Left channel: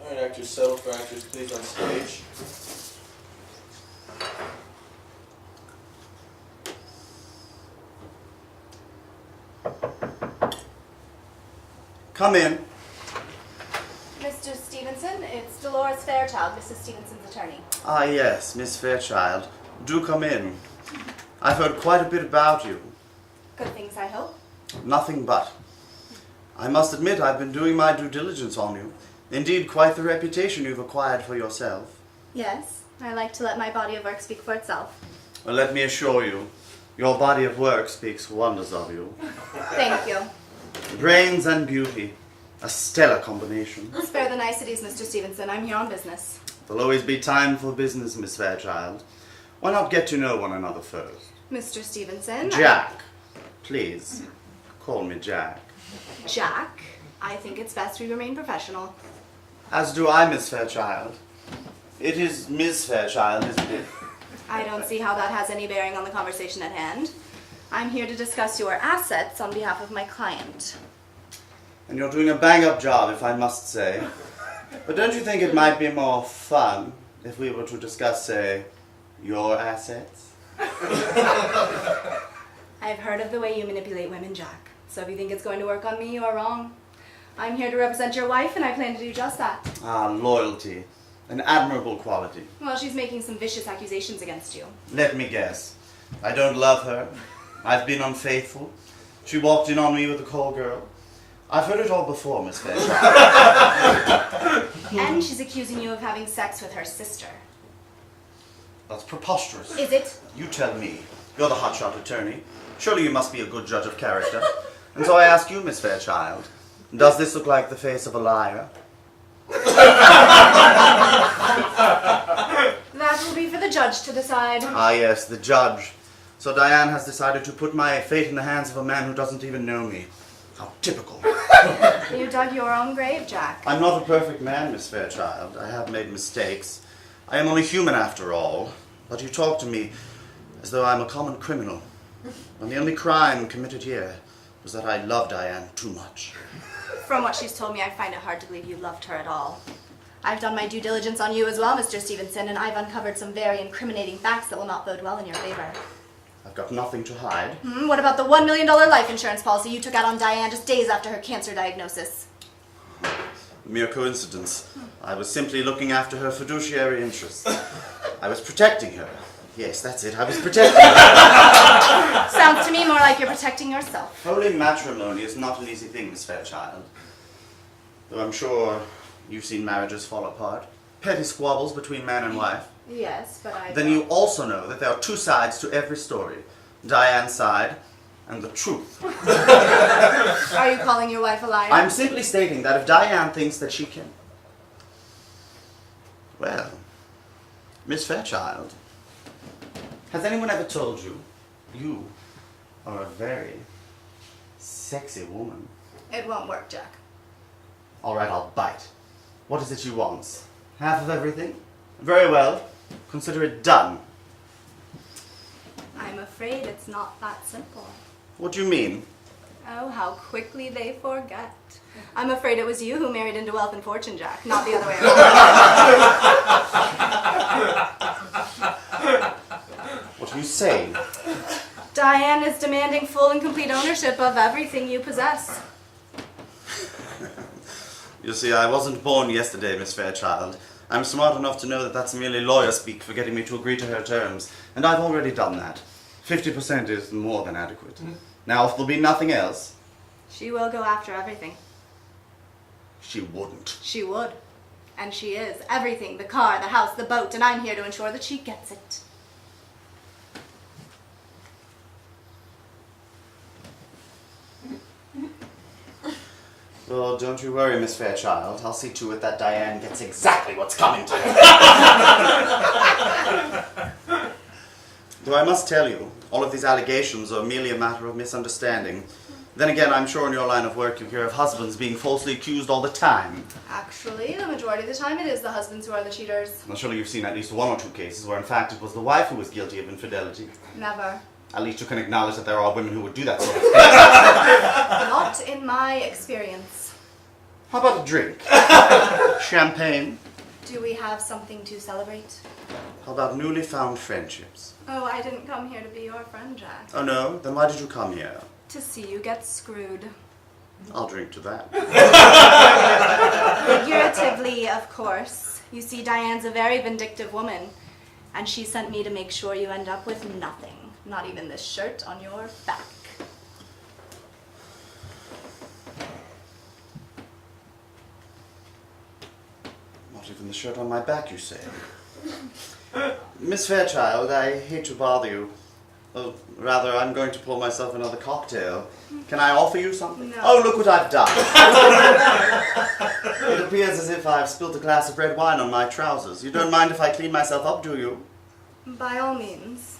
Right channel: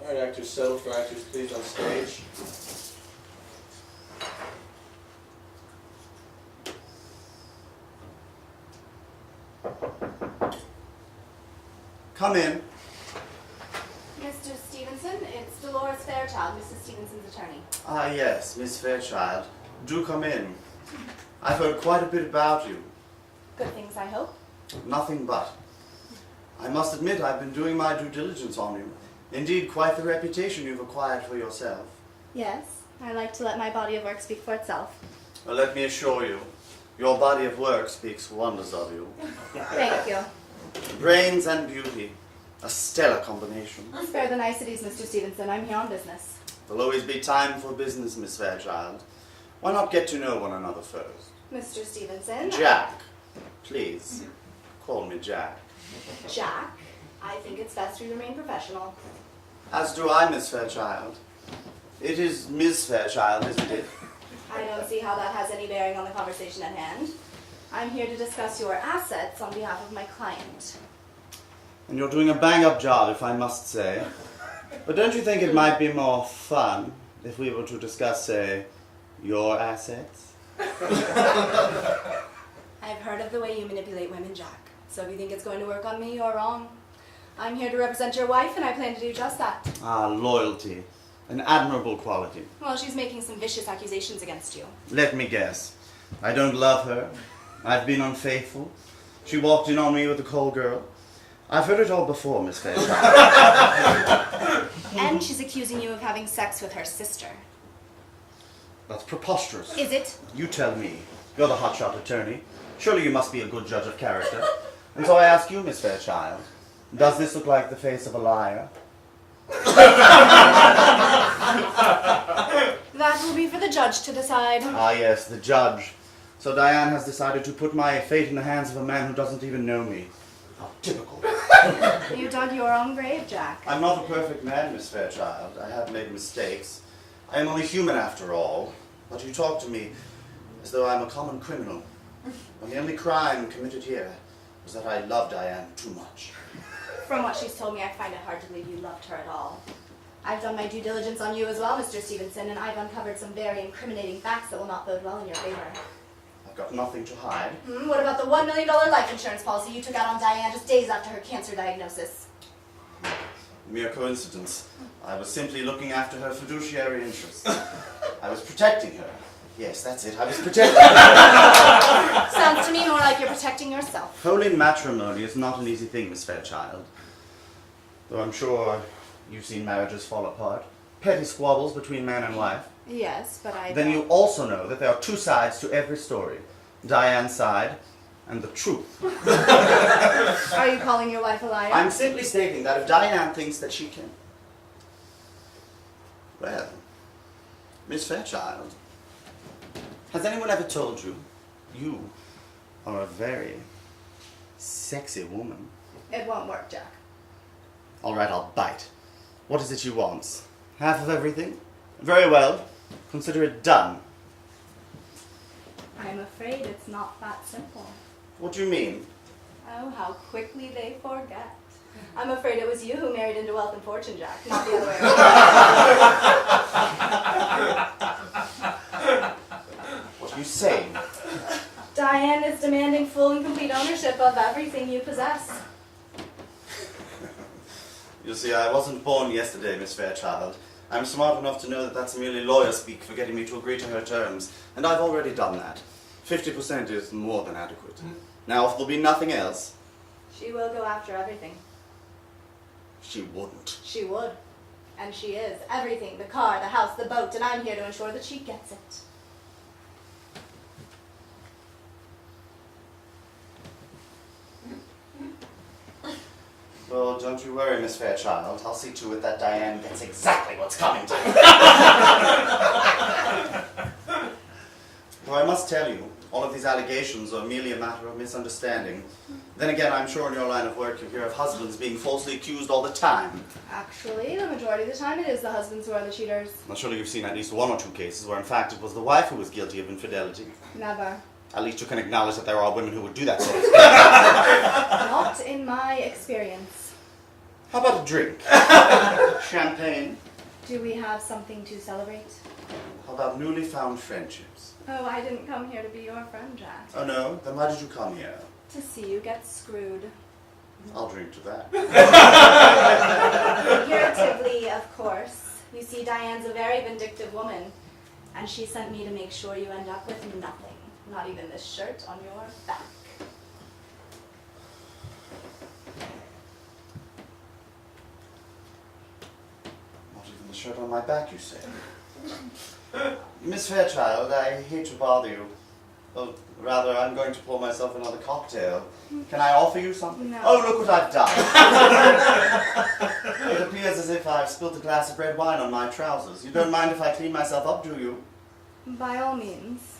All right, actors settle for actors please on stage. Come in. Mr. Stevenson, it's Dolores Fairchild, Mrs. Stevenson's attorney. Ah, yes, Miss Fairchild. Do come in. I've heard quite a bit about you. Good things, I hope. Nothing but. I must admit I've been doing my due diligence on you. Indeed, quite the reputation you've acquired for yourself. Yes, I like to let my body of work speak for itself. Well, let me assure you, your body of work speaks wonders of you. Thank you. Brains and beauty. A stellar combination. Spare the niceties, Mr. Stevenson. I'm here on business. There'll always be time for business, Miss Fairchild. Why not get to know one another first? Mr. Stevenson. Jack. Please, call me Jack. Jack, I think it's best we remain professional. As do I, Miss Fairchild. It is Miss Fairchild, isn't it? I don't see how that has any bearing on the conversation at hand. I'm here to discuss your assets on behalf of my client. And you're doing a bang-up job, if I must say. But don't you think it might be more fun if we were to discuss, say, your assets? I've heard of the way you manipulate women, Jack. So if you think it's going to work on me, you're wrong. I'm here to represent your wife, and I plan to do just that. Ah, loyalty. An admirable quality. Well, she's making some vicious accusations against you. Let me guess. I don't love her. I've been unfaithful. She walked in on me with a call girl. I've heard it all before, Miss Fairchild. And she's accusing you of having sex with her sister. That's preposterous. Is it? You tell me. You're the hotshot attorney. Surely you must be a good judge of character. And so I ask you, Miss Fairchild, does this look like the face of a liar? That will be for the judge to decide. Ah, yes, the judge. So Diane has decided to put my fate in the hands of a man who doesn't even know me. How typical. You dug your own grave, Jack. I'm not a perfect man, Miss Fairchild. I have made mistakes. I am only human after all. But you talk to me as though I'm a common criminal. When the only crime committed here was that I loved Diane too much. From what she's told me, I find it hard to believe you loved her at all. I've done my due diligence on you as well, Mr. Stevenson, and I've uncovered some very incriminating facts that will not bode well in your favor. I've got nothing to hide. What about the $1 million life insurance policy you took out on Diane just days after her cancer diagnosis? Mere coincidence. I was simply looking after her fiduciary interests. I was protecting her. Yes, that's it. I was protecting her. Sounds to me more like you're protecting yourself. Holy matrimony is not an easy thing, Miss Fairchild. Though I'm sure you've seen marriages fall apart. Petty squabbles between man and wife. Yes, but I Then you also know that there are two sides to every story. Diane's side and the truth. Are you calling your wife a liar? I'm simply stating that if Diane thinks that she can... Well, Miss Fairchild, has anyone ever told you you are a very sexy woman? It won't work, Jack. All right, I'll bite. What is it she wants? Half of everything? Very well. Consider it done. I'm afraid it's not that simple. What do you mean? Oh, how quickly they forget. I'm afraid it was you who married into wealth and fortune, Jack, not the other way around. What are you saying? Diane is demanding full and complete ownership of everything you possess. You see, I wasn't born yesterday, Miss Fairchild. I'm smart enough to know that that's merely lawyer speak for getting me to agree to her terms, and I've already done that. 50% is more than adequate. Now, if there'll be nothing else... She will go after everything. She wouldn't. She would. And she is. Everything. The car, the house, the boat, and I'm here to ensure that she gets it. Well, don't you worry, Miss Fairchild. I'll see to it that Diane gets exactly what's coming to her. Though I must tell you, all of these allegations are merely a matter of misunderstanding. Then again, I'm sure in your line of work you hear of husbands being falsely accused all the time. Actually, the majority of the time it is the husbands who are the cheaters. Well, surely you've seen at least one or two cases where in fact it was the wife who was guilty of infidelity. Never. At least you can acknowledge that there are women who would do that sort of thing. Not in my experience. How about a drink? Champagne? Do we have something to celebrate? How about newly found friendships? Oh, I didn't come here to be your friend, Jack. Oh no? Then why did you come here? To see you get screwed. I'll drink to that. Figuratively, of course. You see, Diane's a very vindictive woman, and she sent me to make sure you end up with nothing. Not even this shirt on your back. Not even the shirt on my back, you say? Miss Fairchild, I hate to bother you. Well, rather, I'm going to pour myself another cocktail. Can I offer you something? No. Oh, look what I've done. It appears as if I've spilt a glass of red wine on my trousers. You don't mind if I clean myself up, do you? By all means.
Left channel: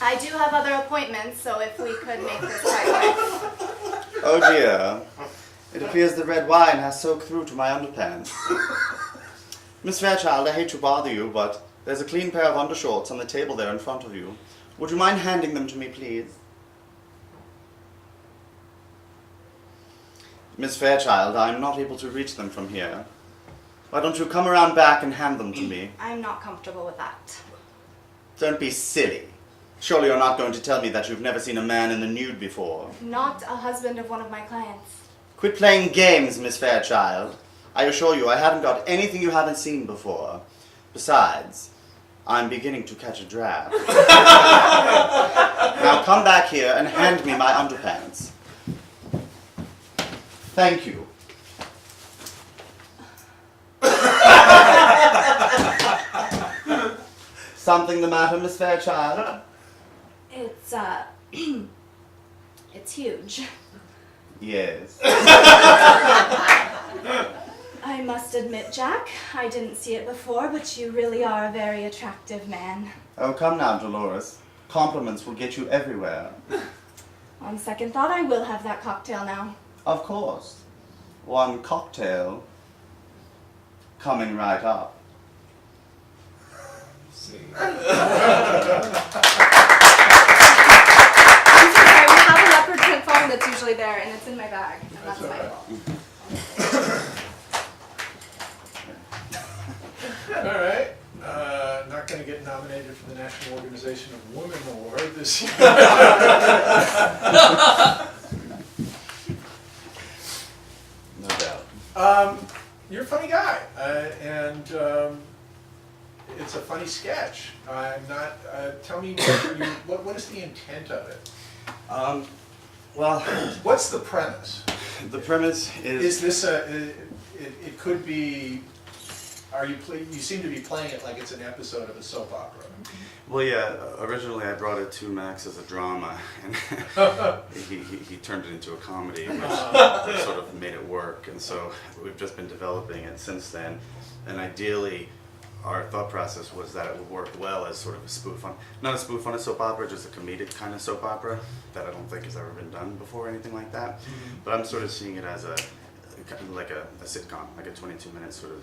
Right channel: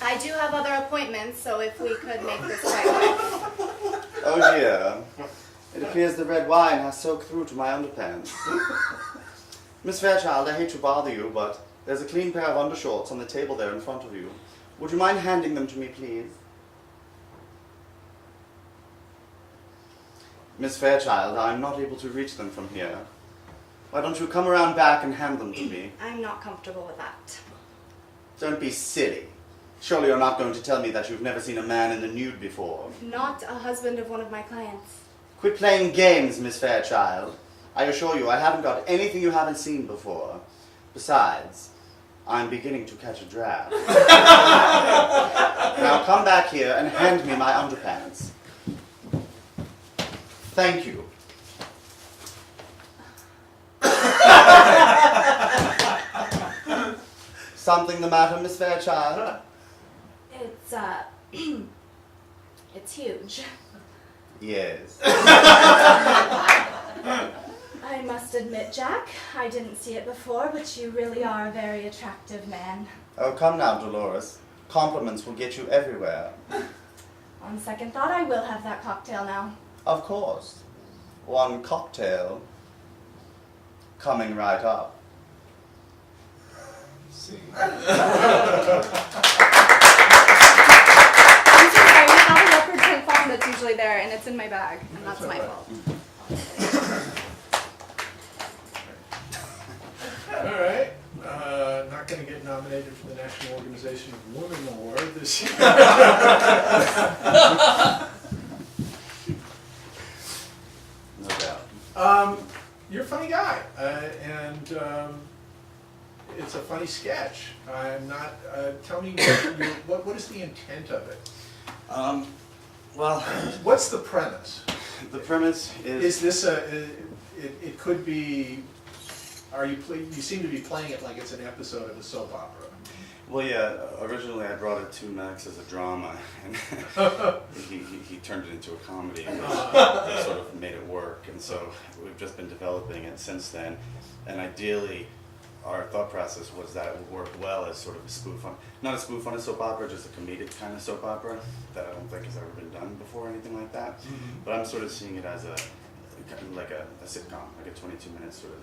I do have other appointments, so if we could make this right quick. Oh dear. It appears the red wine has soaked through to my underpants. Miss Fairchild, I hate to bother you, but there's a clean pair of undershorts on the table there in front of you. Would you mind handing them to me, please? Miss Fairchild, I'm not able to reach them from here. Why don't you come around back and hand them to me? I'm not comfortable with that. Don't be silly. Surely you're not going to tell me that you've never seen a man in the nude before. Not a husband of one of my clients. Quit playing games, Miss Fairchild. I assure you, I haven't got anything you haven't seen before. Besides, I'm beginning to catch a draft. Now come back here and hand me my underpants. Thank you. Something the matter, Miss Fairchild? It's, it's huge. Yes. I must admit, Jack, I didn't see it before, but you really are a very attractive man. Oh, come now, Dolores. Compliments will get you everywhere. On second thought, I will have that cocktail now. Of course. One cocktail coming right up. See. I'm so sorry, I have a leopard print phone that's usually there, and it's in my bag, and that's my fault. All right. Not going to get nominated for the National Organization of Women Award this year. No doubt. You're a funny guy, and it's a funny sketch. I'm not. Tell me what is the intent of it? Well, What's the premise? the premise is... Is this a? It could be. You seem to be playing it like it's an episode of a soap opera. Well, yeah, originally I brought it to Max as a drama, and he turned it into a comedy, which sort of made it work, and so we've just been developing it since then. And ideally, our thought process was that it would work well as sort of a spoof on, not a spoof on a soap opera, just a comedic kind of soap opera that I don't think has ever been done before, or anything like that. But I'm sort of seeing it as like a sitcom, like a 22-minute sort of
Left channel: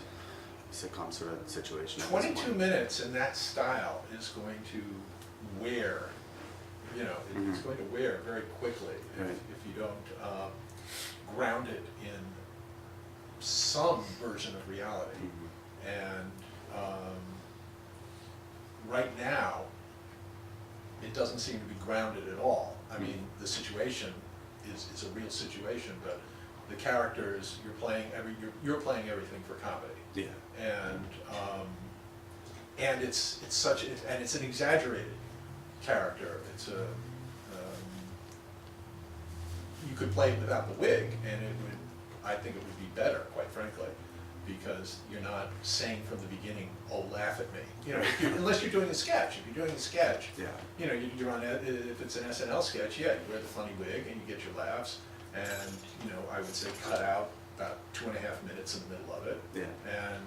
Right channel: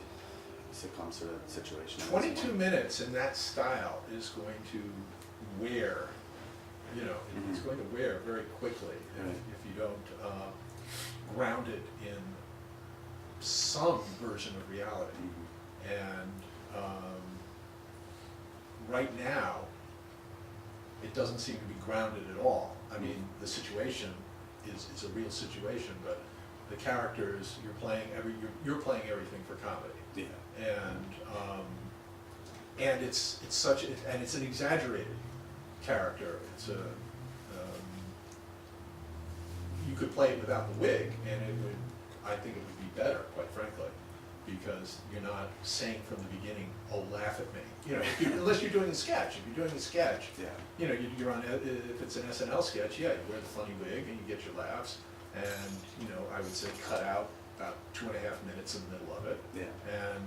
sitcom sort of situation. 22 minutes in that style is going to wear, it's going to wear very quickly if you don't ground it in some version of reality. And right now, it doesn't seem to be grounded at all. I mean, the situation is a real situation, but the characters you're playing everything for comedy. Yeah. And it's an exaggerated character. It's a you could play it without the wig, and I think it would be better, quite frankly, because you're not saying from the beginning, "Oh, laugh at me," unless you're doing a sketch. If you're doing a sketch, Yeah. You're on. If it's an SNL sketch, you wear the funny wig and you get your laughs, and I would say cut out about 2.5 minutes in the middle of it, and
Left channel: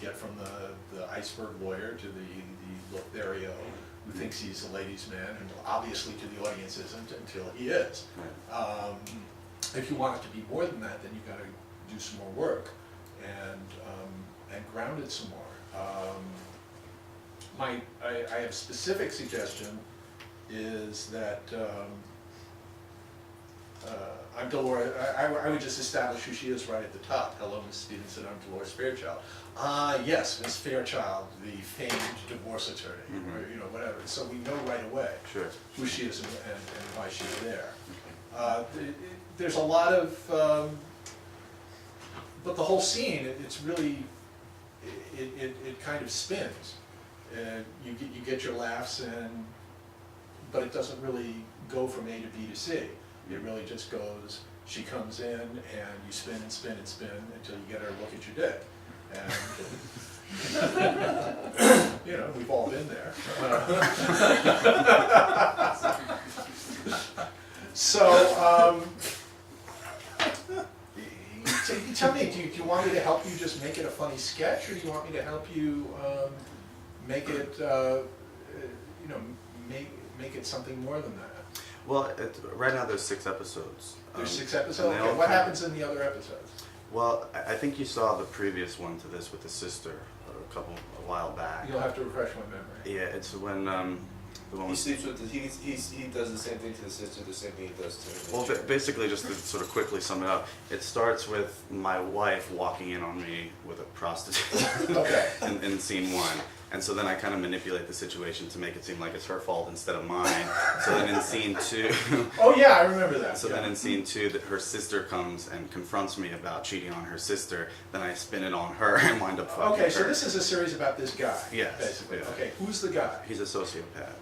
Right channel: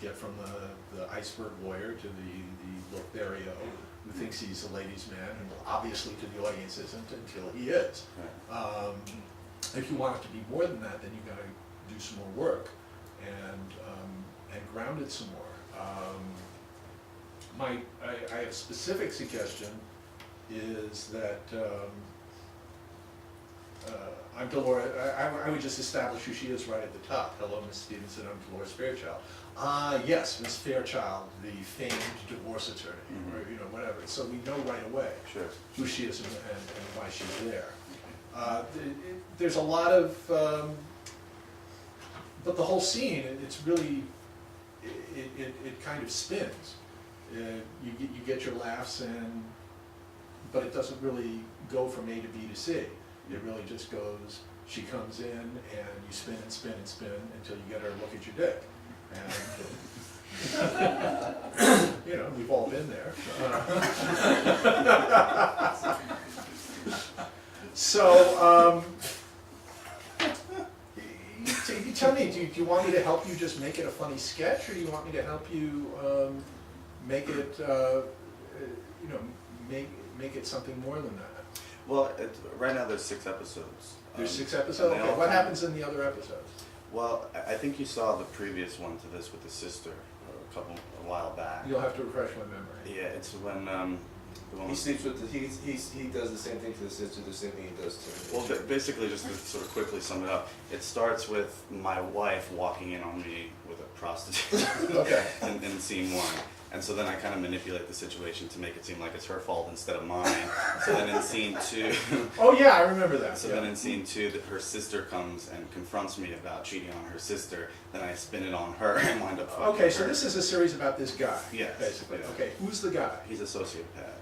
get from the iceberg lawyer to the Lothario who thinks he's a ladies' man, and obviously to the audience isn't until he is. Right. If you want it to be more than that, then you've got to do some more work, and ground it some more. I have a specific suggestion is that I'm Dolores. I would just establish who she is right at the top. Hello, Miss Stevenson. I'm Dolores Fairchild. Yes, Miss Fairchild, the famed divorce attorney, or whatever. So we know right away who she is and why she's there. There's a lot of, but the whole scene, it's really, it kind of spins. You get your laughs, but it doesn't really go from A to B to C. It really just goes, she comes in and you spin and spin and spin until you get her to look at your dick. And, we've all been there. So, you tell me, do you want me to help you just make it a funny sketch, or do you want me to help you make it, make it something more than that? Well, right now there's 6 episodes. There's 6 episodes? Okay. What happens in the other episodes? Well, I think you saw the previous one to this with the sister a while back. You'll have to refresh my memory. Yeah, it's when the one He sleeps with he does the same thing to the sister, the same thing he does to the Well, basically, just to sort of quickly sum it up, it starts with my wife walking in on me with a prostitute Okay. in scene 1. And so then I kind of manipulate the situation to make it seem like it's her fault instead of mine. So then in scene 2... Oh yeah, I remember that. So then in scene 2, that her sister comes and confronts me about cheating on her sister. Then I spin it on her and wind up fucking Okay, her. so this is a series about this guy. Yes. Basically. Yeah. Okay, who's the guy? He's a sociopath.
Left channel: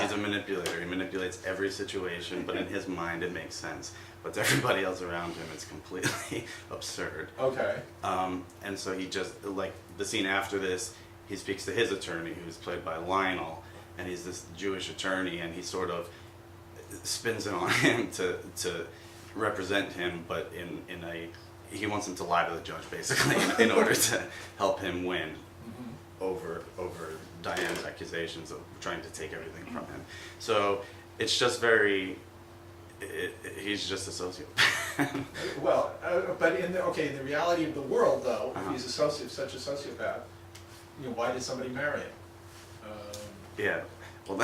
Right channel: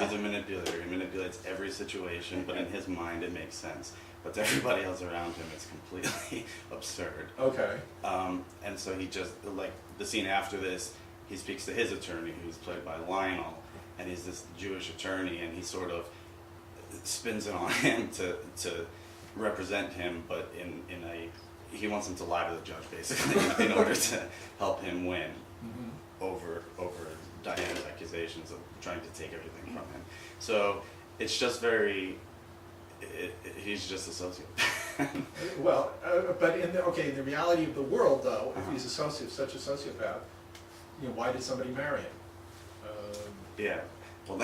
He's a manipulator. He manipulates every situation, but in his mind it makes sense. But to everybody else around him, it's completely absurd. Okay. And so he just, like, the scene after this, he speaks to his attorney, who's played by Lionel, and he's this Jewish attorney, and he sort of spins it on him to represent him, but he wants him to lie to the judge, basically, in order to help him win over Diane's accusations of trying to take everything from him. So it's just very... he's just a sociopath. Well, but in the reality of the world, though, if he's such a sociopath, why did somebody marry him? Yeah. Well,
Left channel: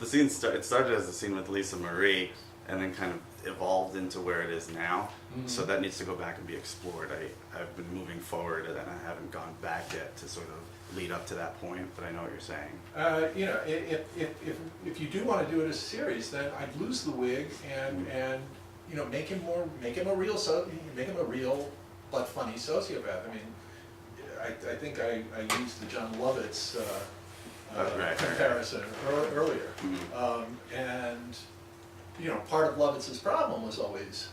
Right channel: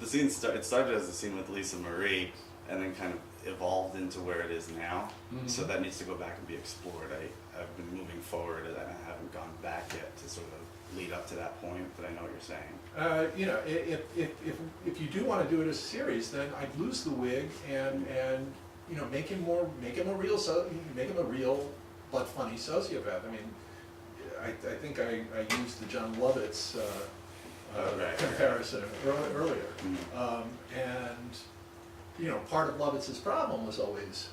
the scene it started as a scene with Lisa Marie, and then kind of evolved into where it is now. So that needs to go back and be explored. I've been moving forward, and I haven't gone back yet to sort of lead up to that point. But I know what you're saying. If you do want to do it as a series, then I'd lose the wig and make him a real but funny sociopath. I mean, I think I used the John Lovitz comparison earlier, and part of Lovitz's problem was always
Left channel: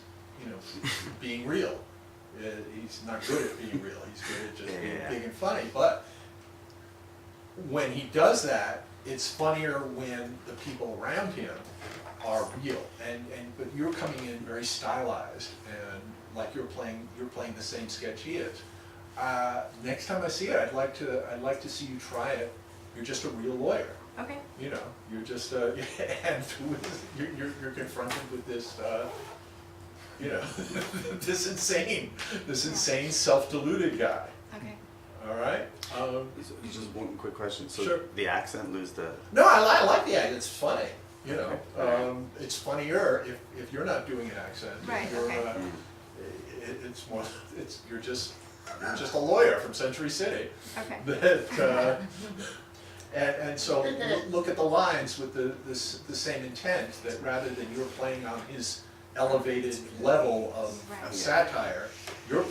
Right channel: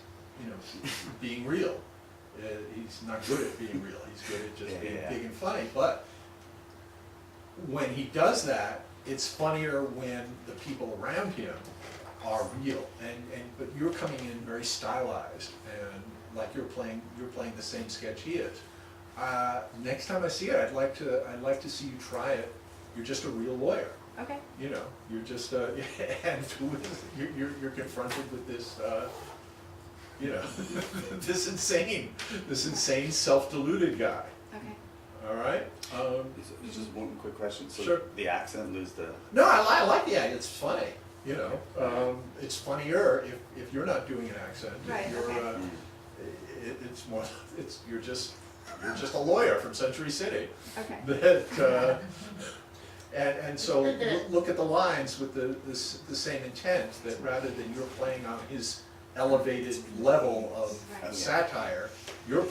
being real. He's not good at being real. He's good at just being big and funny. But when he does that, it's funnier when the people around him are real. But you're coming in very stylized, and like you're playing the same sketch he is. Next time I see it, I'd like to see you try it. You're just a real lawyer. Okay. You're just and you're confronted with this. this insane self-deluded guy. Okay. All right. Just one quick question. So Sure. the accent, lose the... No, I like the accent. It's funny. It's funnier if you're not doing an accent. Right. Okay. It's more. You're just a lawyer from Century City. Okay. That. And so look at the lines with the same intent, that rather than you're playing on his elevated level of satire, you're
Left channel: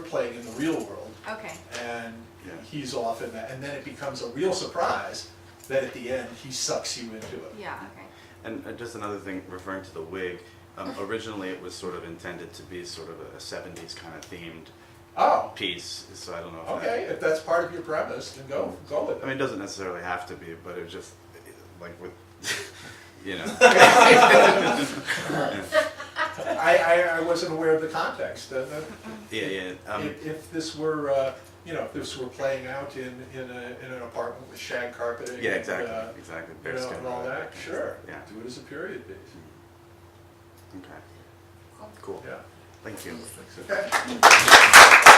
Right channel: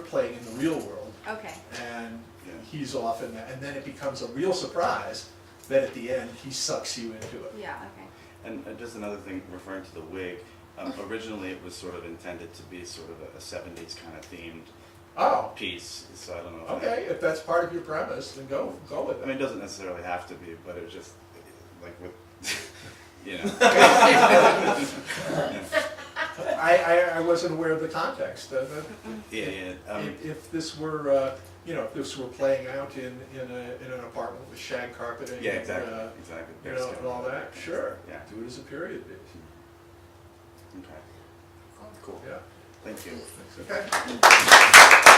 playing in the real world. Okay. And he's off in that, and then it becomes a real surprise that at the end he sucks you into it. Yeah. Okay. And just another thing, referring to the wig, originally it was sort of intended to be sort of a 70s kind of themed piece, so I don't know if Okay, if that's part of your premise, then go with it. I mean, it doesn't necessarily have to be, but it just, like with, I wasn't aware of the context. If this were, if this were playing out in an apartment with shag carpeting, exactly. And all that, sure. Yeah. Do it as a period piece. Okay. Cool. Yeah. Thank you. Okay.